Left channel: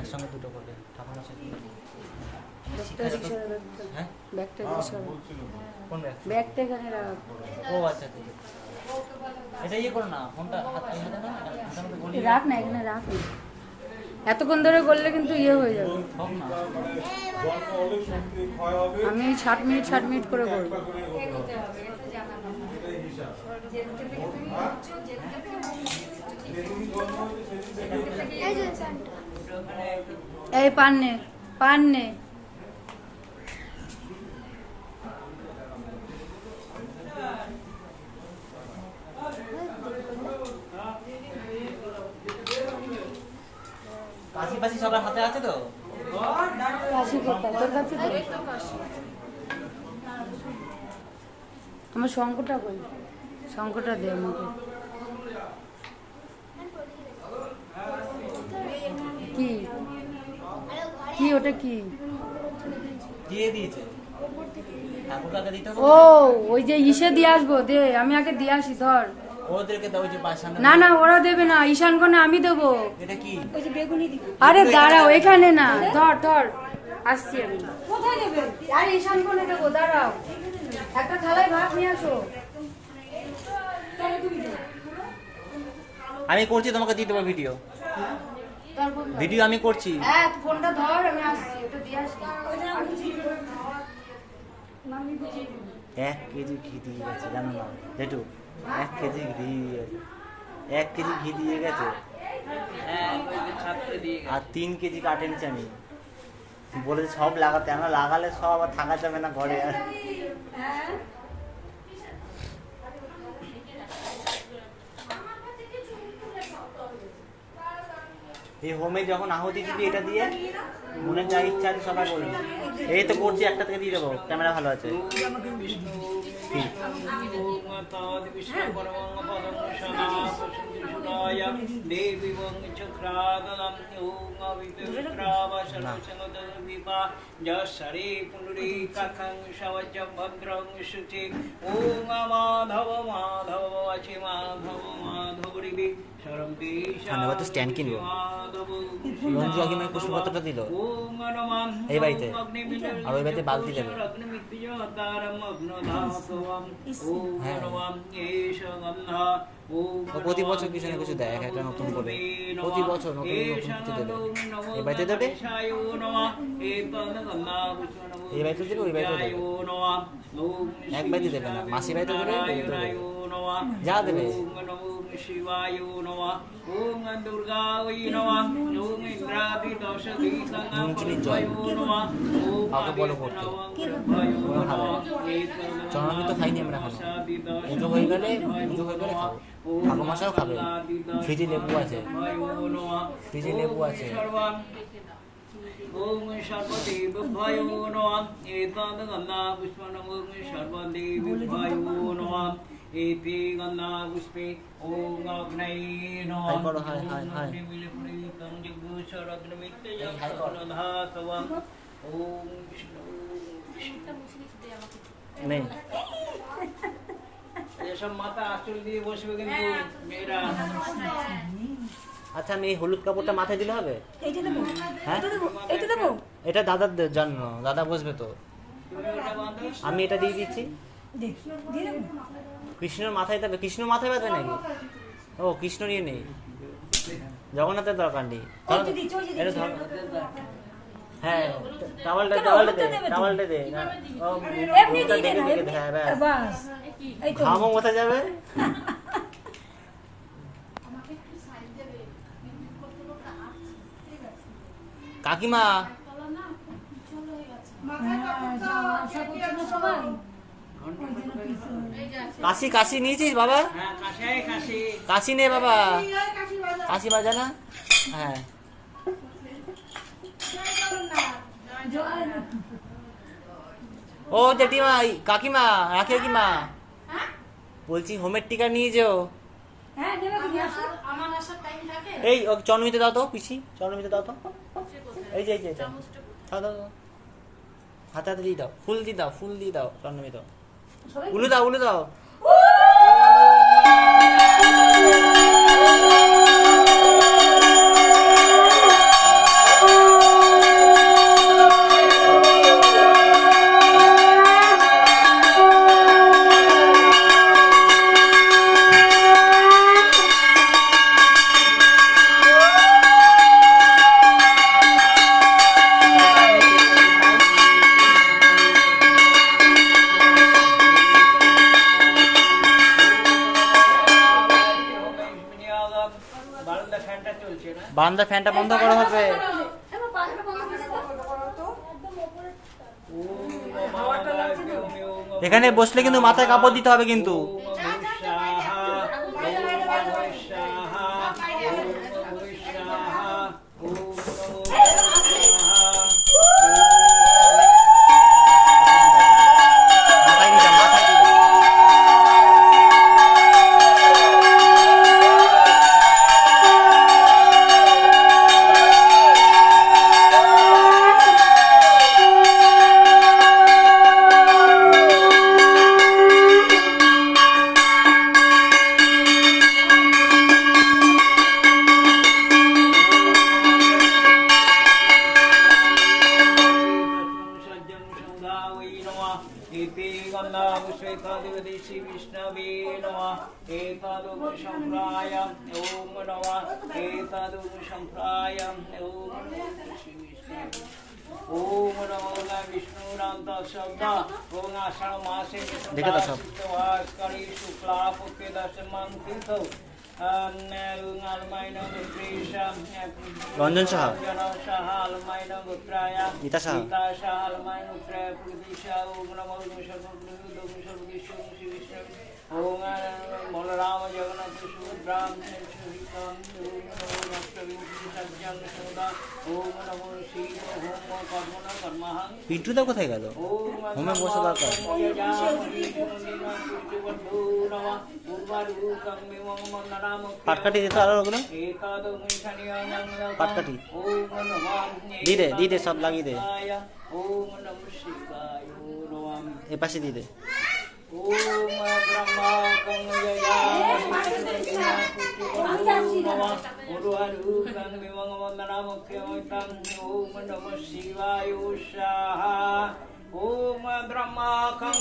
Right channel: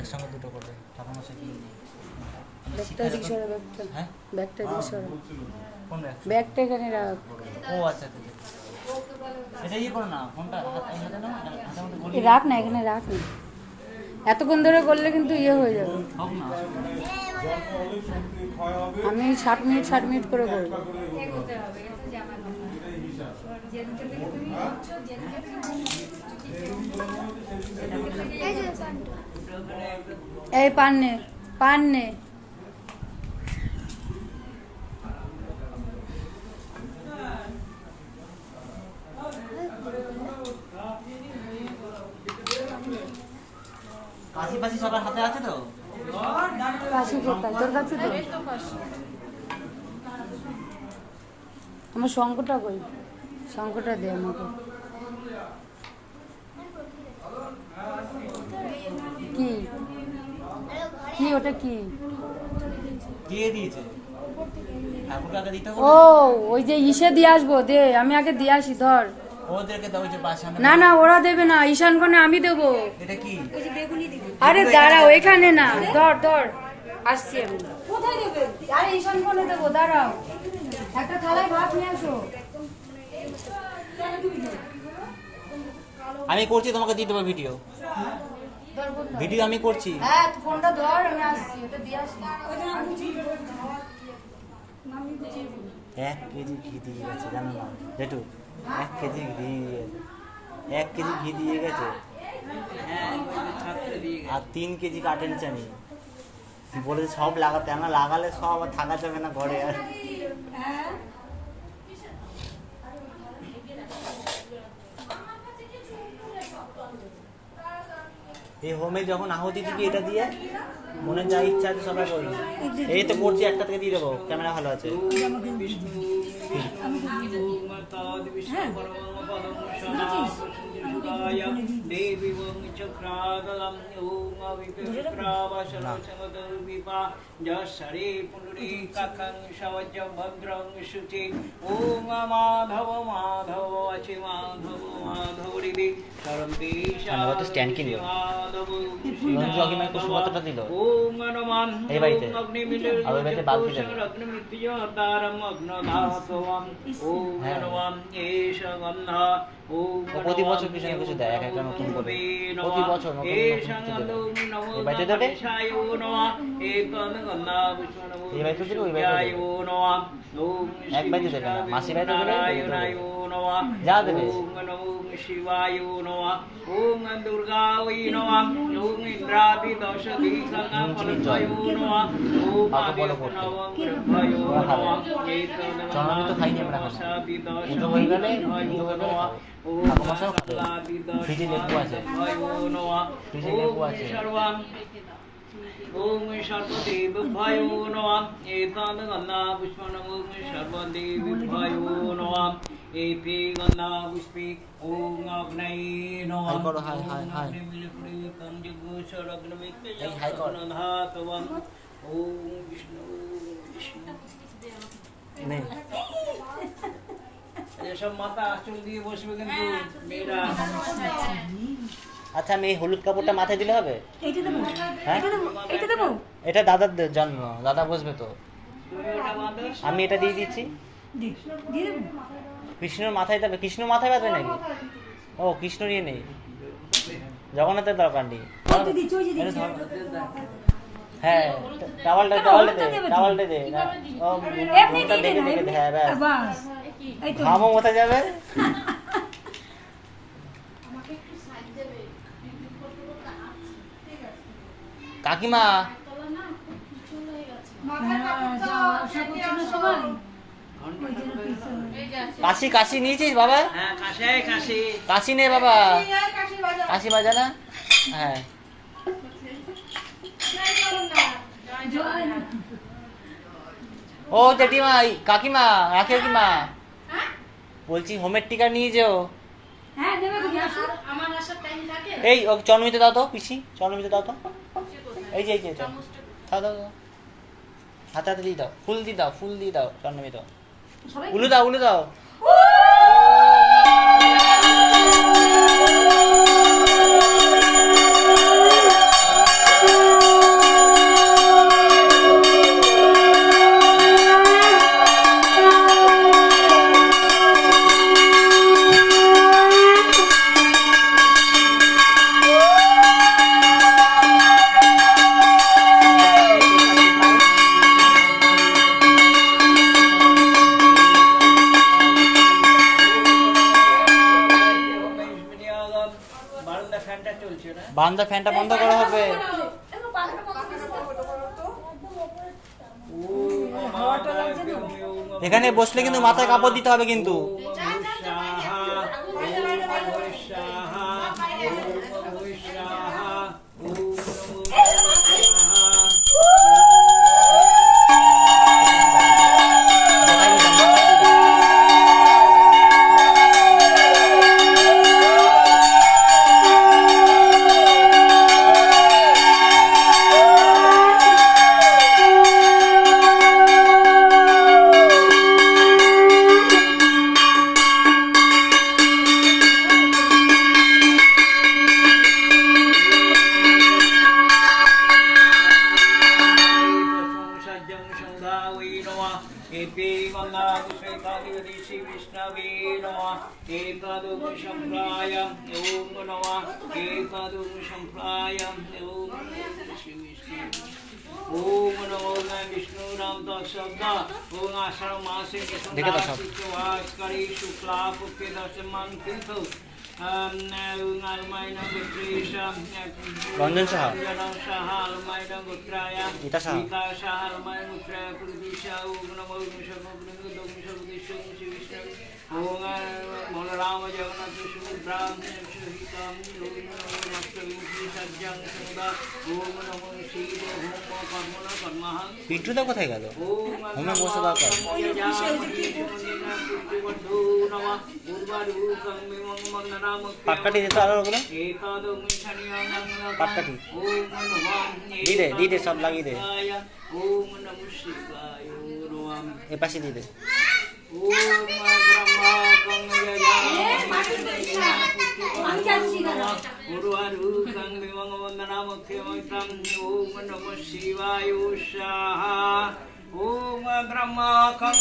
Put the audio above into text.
একসঙ্গে দুটো করে ঠাকুমা সে হ্যাঁ ব্যাগটা কোন ব্যাগ? ব্যাগটা এখানে রাখ। ও আচ্ছা আচ্ছা এটা ইয়ে করো না ফোনটা হাতে না হাতের মধ্যে গলিয়ে রাখ না, এখানে রাখ না, এতক্ষণ ধরে করলে কিন্তু ইয়ে হয়ে যাবে। হোক না আমি 60 মিনিট করে করবো। এই পান নে, পান নে। কাশি ফাশি সবার হাতে আছে তো? কাশি কোথায়? তোর কাছে তো? আমার শঙ্কটা কই? শঙ্কটা দে আমাকে। কি কি ওটা কি? দিয়ে দিয়েছে ঠাকুর কাকে দিতে হবে? ও ওই যে ইসে দিয়ে আসবো, দে আমি আগে দিয়ে আসি। ধর ওদেরকে দাও যে সামনে। না না ওরা দেবে না, ঈশান কোণে আমি দেবো। এটা কি? আরে দাঁড়াও, এখানে না, ধর ধর আসছি আমি। কোথায় দেবে? আরে ঈশান কোণে দেবো, দাঁড়াও। একটা থালায় ভাত নিয়ে আসো। আমি করছি, তোমাকে দিয়ে দেবো ভিডিও। ভিডিও আমি করছি। হ্যাঁ ফোনটা ধর, আমি আসছি, ওটা দিয়ে আসি। 1 কেজি ঘি দিয়ে গেছে জানো না যেটু? 1 কেজি ঘি 1 কেজি ঘি দিয়ে গেছে। আর 3 কেজি কাটেন চানি বলে সব লাগাতে, আমরা লাগালে সব আর থাকা যাবে না ঘরে। আর এই হোমে যখন আহুতি দিবি এটা দিয়ে মনে যা ইচ্ছা আছে সবাই বলবি। এই তো করছি, একটা থেকে দিয়ে দেবো, ক্যামেরা ভালো আছে। স্ট্যান্ড কিনবো কুসুমপত্রটা দিল এই বাড়িতে, আর ওই বাড়িতে বালতি দেবে। প্রতি বছর কিছু না কিছু দেয়, একটা নতুন করে প্রতি বছর নতুন কিছু দেবে। এই বাড়িতে দেবে, এই বাড়িতে দেবে, ওই বাড়িতে দেবে, এক বাড়িতে দেবে না, মাসি বাড়িতে দেবে, যা দেবে। শিবায় নমঃ, ওম দুর্গা ওই নমঃ, ওম ইন্দ্রাদি দশ দিগঙ্গয় নমঃ, ওম আদিত্য নমঃ গ্রহয় নমঃ। চন্দ্রমিত খাইনি আমরা, পুজো হয়ে গেলে ফ্রিজে লেবু আছে, ফ্রিজে লেবু আছে। ওম সর্বদেবভ্যয় নমঃ, এতদ গন্ধা পুষ্পম ওম সর্বদেবভ্যয় নমঃ, এতে গন্ধা পুষ্পে ওম অগ্নয়ে নমঃ। হাই হাই হাই মিলে পুরি কম যজ্ঞ সরগ্নমিতে জগন্নাথবম। ওম বিষ্ণু নেই এসব মাথা আঁচল দিয়ে বসবে কিন্তু মেয়েরা। আচ্ছা আমি এই হলুদ কাপড়টা মাথায় দিলে হবে? হ্যাঁ এটা দাদার জন্ম, দাদা বসবে তো, আমি এটা দিয়ে দিচ্ছি। কৃষ্ণের মাথায় দেবে? কৃষ্ণ মাথায় বাঁধবে নাকি? ও কৃষ্ণ নিয়ে নেই, জগন্নাথের দরকার নেই। হ্যাঁ টাওয়ালটা দে, টাওয়ালটা দে না, দেখে দেখে দে। হ্যাঁ ব্যাস, ঘামও মোছা যাবে। কাকিমা কাশি কাশি নিয়েছিস বাবা? কাশি নে বাবা, কাশি বাজা না। হ্যাঁ ও জেঠিমা কাকিমা রাখে কি মা বলছি হোমের টিকা নিয়ে যাও। এই চন্দ্রমিতে দাও তো, পিসি চন্দ্রমিতে দাও তো, এই যে দাও দাও, হাতে হাতে দিয়ে দাও, ফুল দিয়ে দাও, ফুল দিয়ে দাও, চন্দ্রমিত উলু দাও, উলু দাও। বান্দা ফ্যানটা বন্ধ করা হবে। এখানে বসলে কিন্তু মাথায় কাপড় দিতে হবে কিন্তু। রঞ্জন সাহা, গীতা সাহা, পিন্টুদা কোথায় গেল? হোমে বসে দরকার। পাটকাঠি দিতে আরো ওগুলো পাটকাঠি দিয়ে দে সব লাগিয়ে দে। এ পাশে দিয়ে দে। ওম ব্রহ্মা কং